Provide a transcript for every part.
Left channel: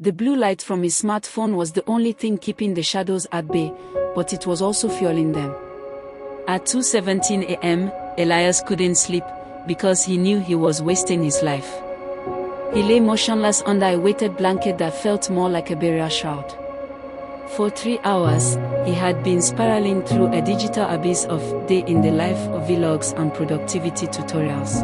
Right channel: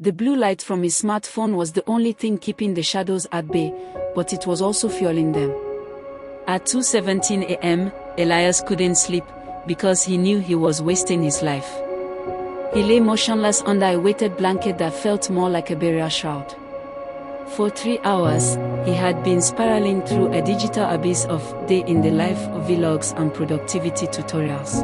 The blue light from his smartphone was the only thing keeping the shadows at bay, but it was also fueling them. At 2:17 a.m., Elias couldn't sleep, because he knew he was wasting his life. He lay motionless under a weighted blanket that felt more like a burial shroud. For 3 hours, he had been spiraling through a digital abyss of day in the life of vlogs and productivity tutorials.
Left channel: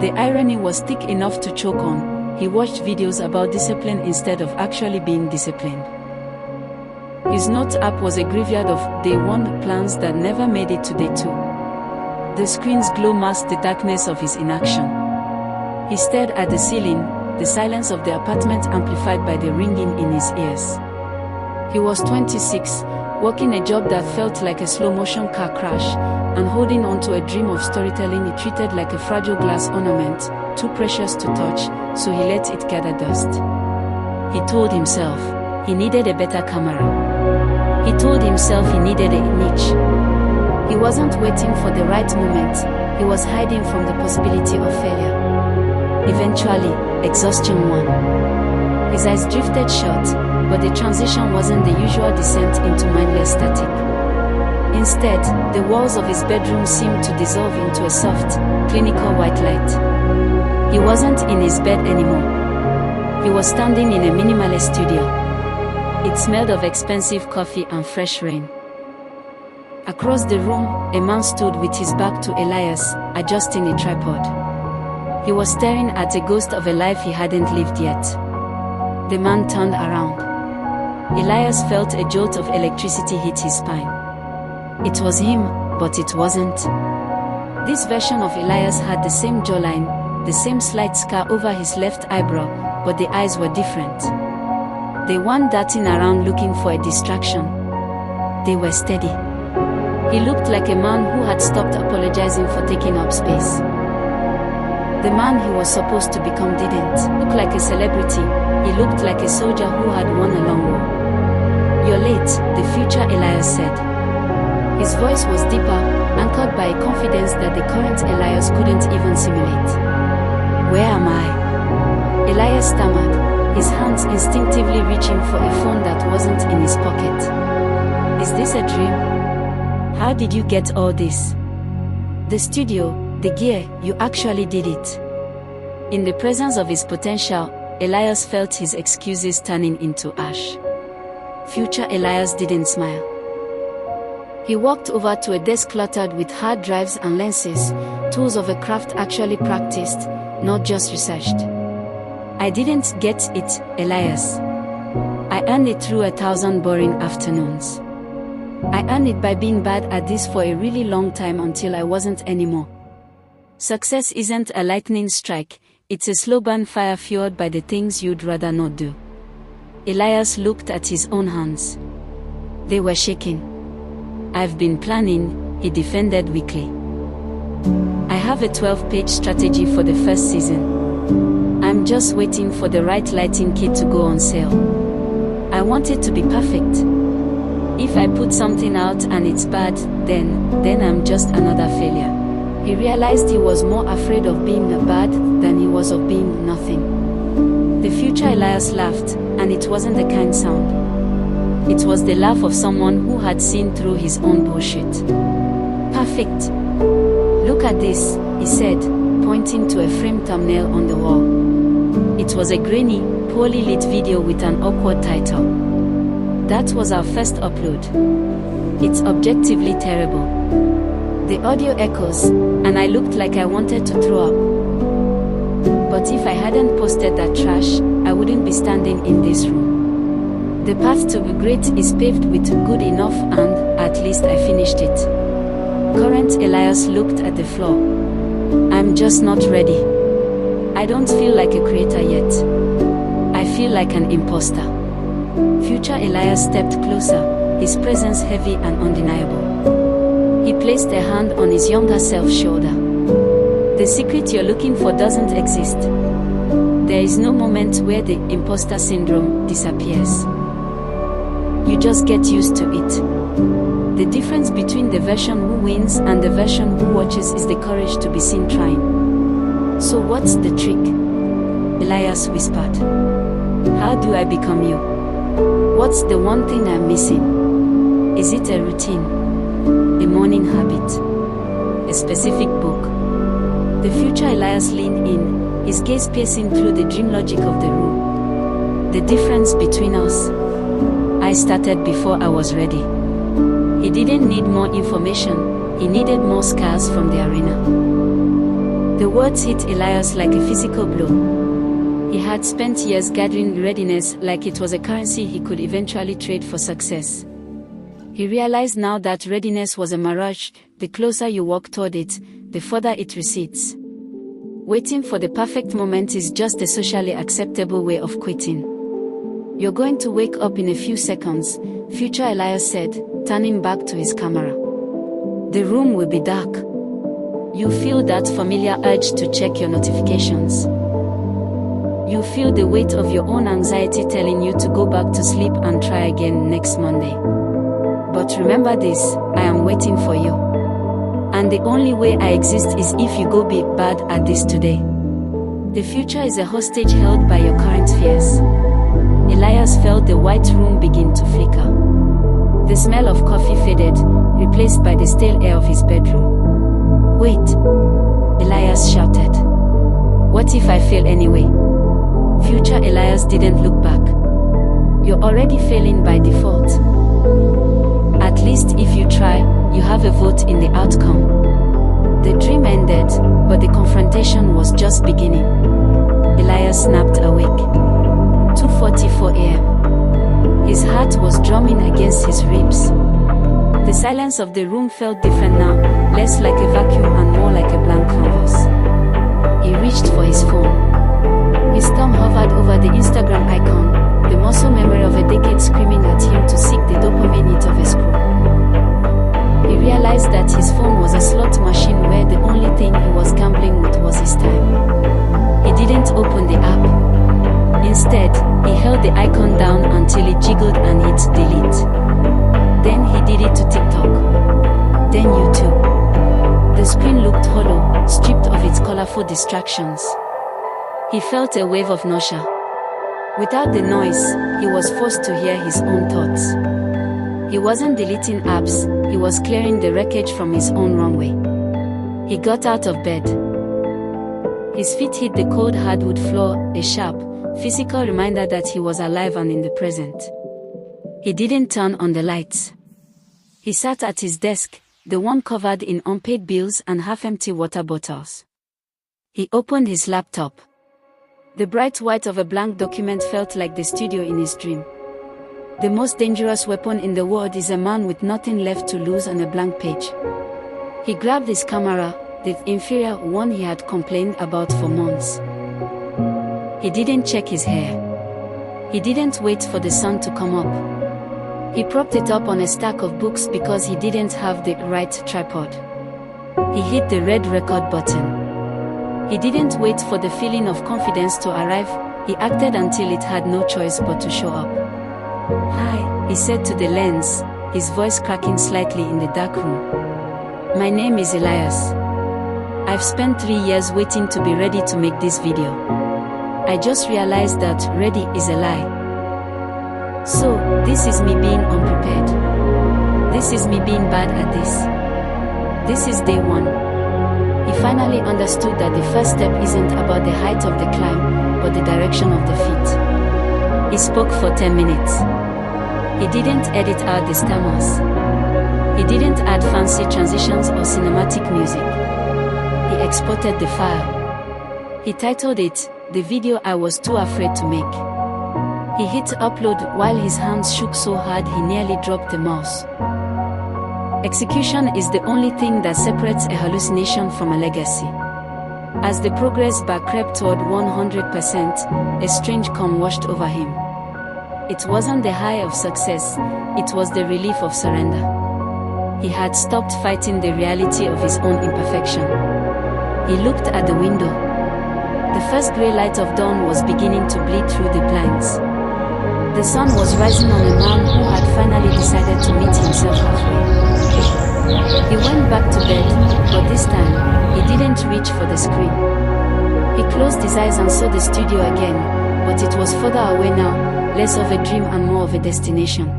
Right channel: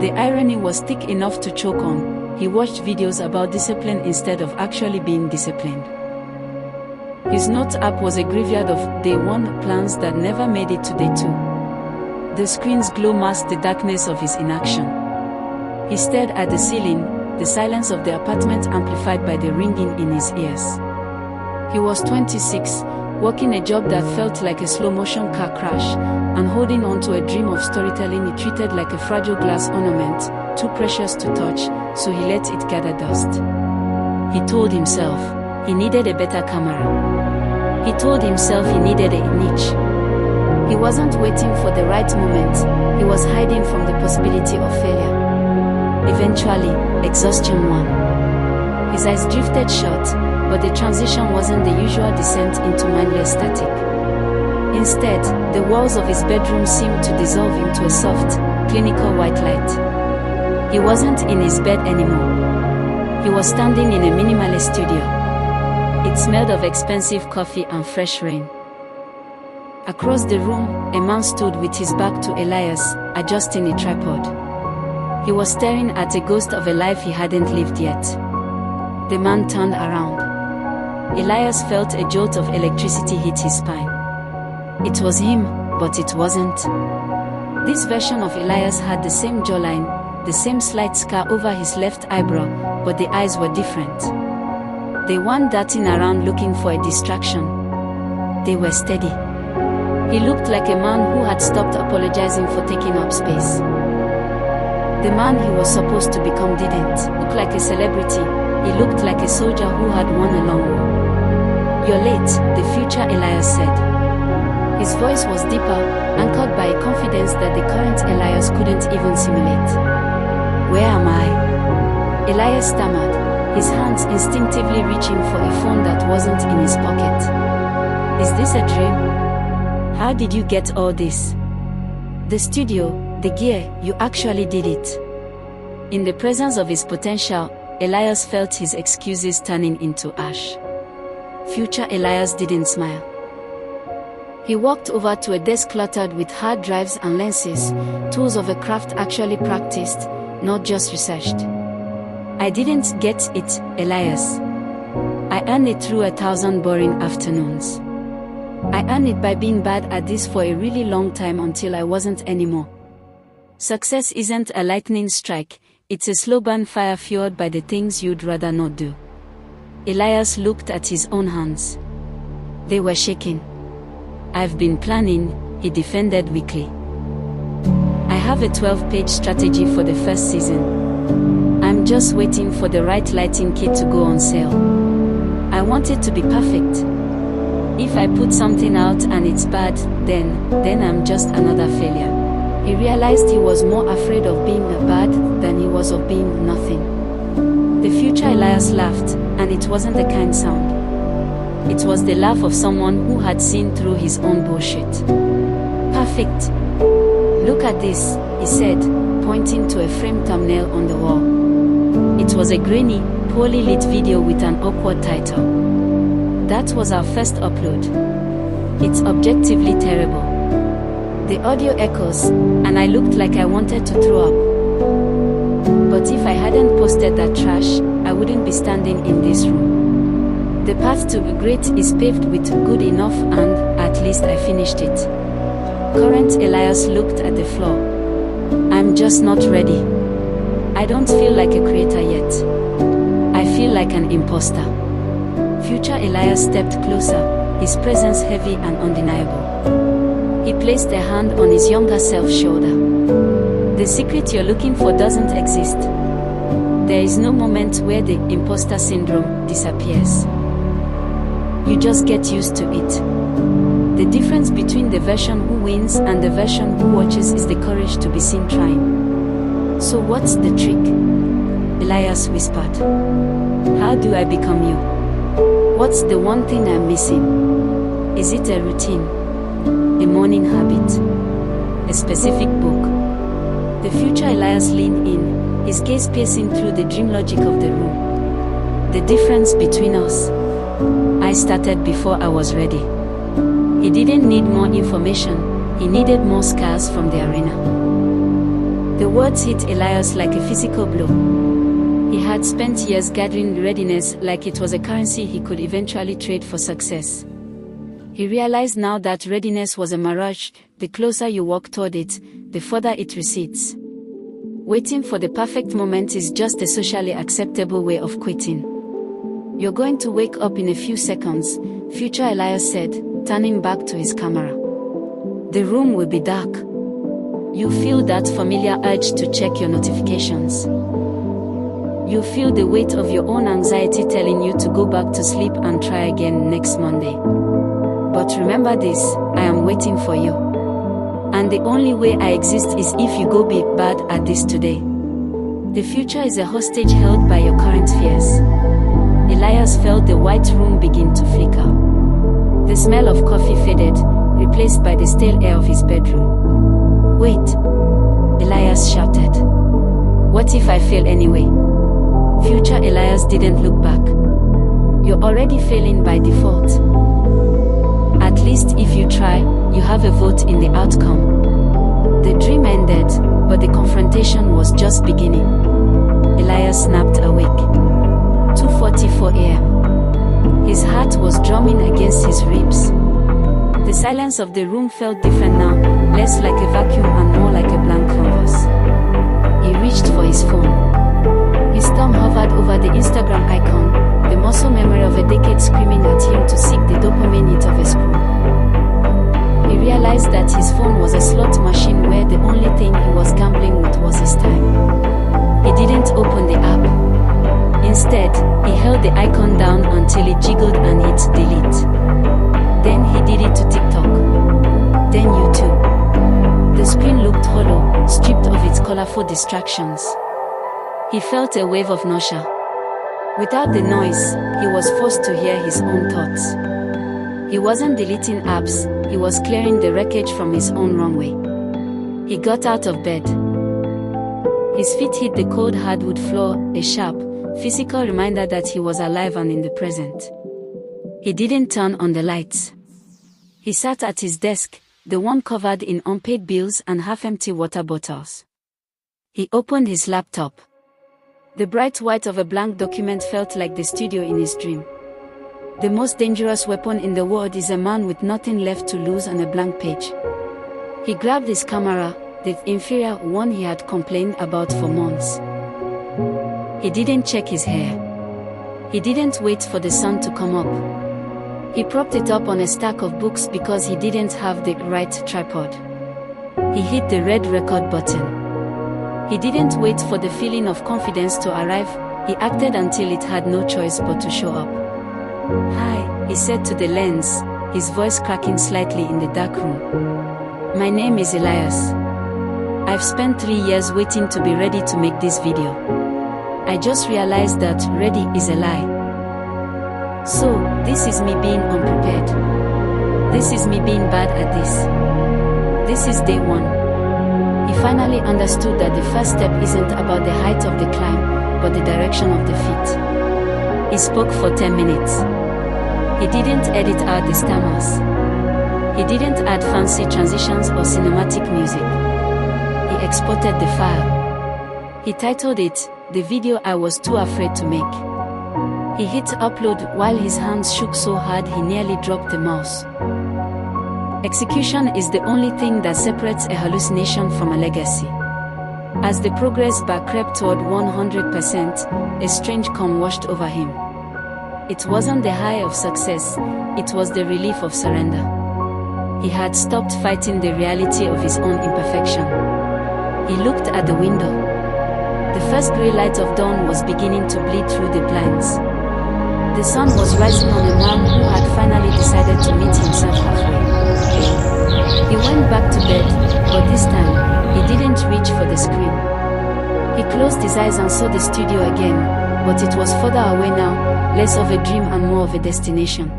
The irony was thick enough to choke on. He watched videos about discipline instead of actually being disciplined. His notes app was a graveyard of day 1 plans that never made it to day 2. The screen's glow masked the darkness of his inaction. He stared at the ceiling, the silence of the apartment amplified by the ringing in his ears. He was 26, working a job that felt like a slow-motion car crash, and holding on to a dream of storytelling he treated like a fragile glass ornament, too precious to touch, so he let it gather dust. He told himself he needed a better camera. He told himself he needed a niche. He wasn't waiting for the right moment, he was hiding from the possibility of failure. Eventually, exhaustion won. His eyes drifted shut, but the transition wasn't the usual descent into mindless static. Instead, the walls of his bedroom seemed to dissolve into a soft, clinical white light. He wasn't in his bed anymore. He was standing in a minimalist studio. It smelled of expensive coffee and fresh rain. Across the room, a man stood with his back to Elias, adjusting a tripod. He was staring at a ghost of a life he hadn't lived yet. The man turned around. Elias felt a jolt of electricity hit his spine. It was him, but it wasn't. This version of Elias had the same jawline, the same slight scar over his left eyebrow, but the eyes were different. They weren't darting around looking for a distraction. They were steady. He looked like a man who had stopped apologizing for taking up space. The man he was supposed to become didn't look like a celebrity, he looked like a soldier who had won a long war. "You're late," the future Elias said. His voice was deeper, anchored by a confidence that the current Elias couldn't even simulate. "Where am I?" Elias stammered, his hands instinctively reaching for a phone that wasn't in his pocket. "Is this a dream? How did you get all this?" "The studio, the gear, you actually did it." In the presence of his potential, Elias felt his excuses turning into ash. Future Elias didn't smile. He walked over to a desk cluttered with hard drives and lenses, tools of a craft actually practiced, not just researched. "I didn't get it, Elias. I earned it through 1,000 boring afternoons. I earned it by being bad at this for a really long time until I wasn't anymore. Success isn't a lightning strike, it's a slow burn fire fueled by the things you'd rather not do." Elias looked at his own hands. They were shaking. "I've been planning," he defended weakly. "I have a 12-page strategy for the first season. I'm just waiting for the right lighting kit to go on sale. I want it to be perfect. If I put something out and it's bad, then I'm just another failure." He realized he was more afraid of being bad than he was of being nothing. The future Elias laughed, and it wasn't the kind sound. It was the laugh of someone who had seen through his own bullshit. "Perfect. Look at this," he said, pointing to a framed thumbnail on the wall. It was a grainy, poorly lit video with an awkward title. "That was our first upload. It's objectively terrible. The audio echoes, and I looked like I wanted to throw up. But if I hadn't posted that trash, I wouldn't be standing in this room. The path to be great is paved with good enough, and at least I finished it." Current Elias looked at the floor. "I'm just not ready. I don't feel like a creator yet. I feel like an imposter." Future Elias stepped closer, his presence heavy and undeniable. He placed a hand on his younger self's shoulder. "The secret you're looking for doesn't exist. There is no moment where the imposter syndrome disappears. You just get used to it. The difference between the version who wins and the version who watches is the courage to be seen trying." "So what's the trick?" Elias whispered. How do I become you? What's the one thing I'm missing? Is it a routine? A morning habit? A specific book? The future Elias leaned in, his gaze piercing through the dream logic of the room. The difference between us? I started before I was ready. He didn't need more information, he needed more scars from the arena. The words hit Elias like a physical blow. He had spent years gathering readiness like it was a currency he could eventually trade for success. He realized now that readiness was a mirage. The closer you walk toward it, the further it recedes. Waiting for the perfect moment is just a socially acceptable way of quitting. You're going to wake up in a few seconds, future Elias said, turning back to his camera. The room will be dark. You feel that familiar urge to check your notifications. You feel the weight of your own anxiety telling you to go back to sleep and try again next Monday. But remember this, I am waiting for you. And the only way I exist is if you go be bad at this today. The future is a hostage held by your current fears. Elias felt the white room begin to flicker. The smell of coffee faded, replaced by the stale air of his bedroom. Wait! Elias shouted. What if I fail anyway? Future Elias didn't look back. You're already failing by default. At least if you try, you have a vote in the outcome. The dream ended, but the confrontation was just beginning. Elias snapped awake. 2:44 a.m. His heart was drumming against his ribs. The silence of the room felt different now, less like a vacuum and more like a blank canvas. He reached for his phone. His thumb hovered over the Instagram icon, the muscle memory of a decade screaming at him to seek the dopamine hit of a scroll. He realized that his phone was a slot machine where the only thing he was gambling with was his time. He didn't open the app. Instead, he held the icon down until it jiggled and hit delete. Then he did it to TikTok. Then YouTube. The screen looked hollow, stripped of its colorful distractions. He felt a wave of nausea. Without the noise, he was forced to hear his own thoughts. He wasn't deleting apps, he was clearing the wreckage from his own runway. He got out of bed. His feet hit the cold hardwood floor, a sharp, physical reminder that he was alive and in the present. He didn't turn on the lights. He sat at his desk, the one covered in unpaid bills and half-empty water bottles. He opened his laptop. The bright white of a blank document felt like the studio in his dream. The most dangerous weapon in the world is a man with nothing left to lose on a blank page. He grabbed his camera, the inferior one he had complained about for months. He didn't check his hair. He didn't wait for the sun to come up. He propped it up on a stack of books because he didn't have the right tripod. He hit the red record button. He didn't wait for the feeling of confidence to arrive, he acted until it had no choice but to show up. Hi, he said to the lens, his voice cracking slightly in the dark room. My name is Elias. I've spent 3 years waiting to be ready to make this video. I just realized that ready is a lie. So, this is me being unprepared. This is me being bad at this. This is day 1. He finally understood that the first step isn't about the height of the climb, but the direction of the feet. He spoke for 10 minutes. He didn't edit out the stammers. He didn't add fancy transitions or cinematic music. He exported the file. He titled it, "The Video I Was Too Afraid to Make." He hit upload while his hands shook so hard he nearly dropped the mouse. Execution is the only thing that separates a hallucination from a legacy. As the progress bar crept toward 100%, a strange calm washed over him. It wasn't the high of success, it was the relief of surrender. He had stopped fighting the reality of his own imperfection. He looked at the window. The first grey light of dawn was beginning to bleed through the blinds. The sun was rising on a man who had finally decided to meet himself halfway. He went back to bed, but this time, he didn't reach for the screen. He closed his eyes and saw the studio again, But it was further away now, less of a dream and more of a destination.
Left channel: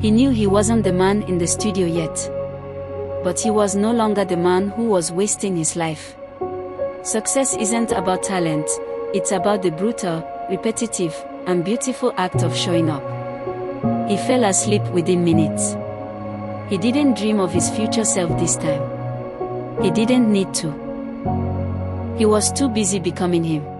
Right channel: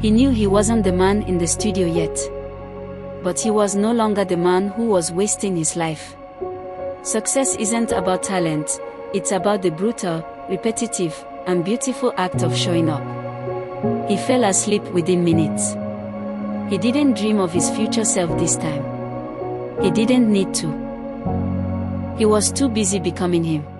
He knew he wasn't the man in the studio yet. But he was no longer the man who was wasting his life. Success isn't about talent, it's about the brutal, repetitive, and beautiful act of showing up. He fell asleep within minutes. He didn't dream of his future self this time. He didn't need to. He was too busy becoming him.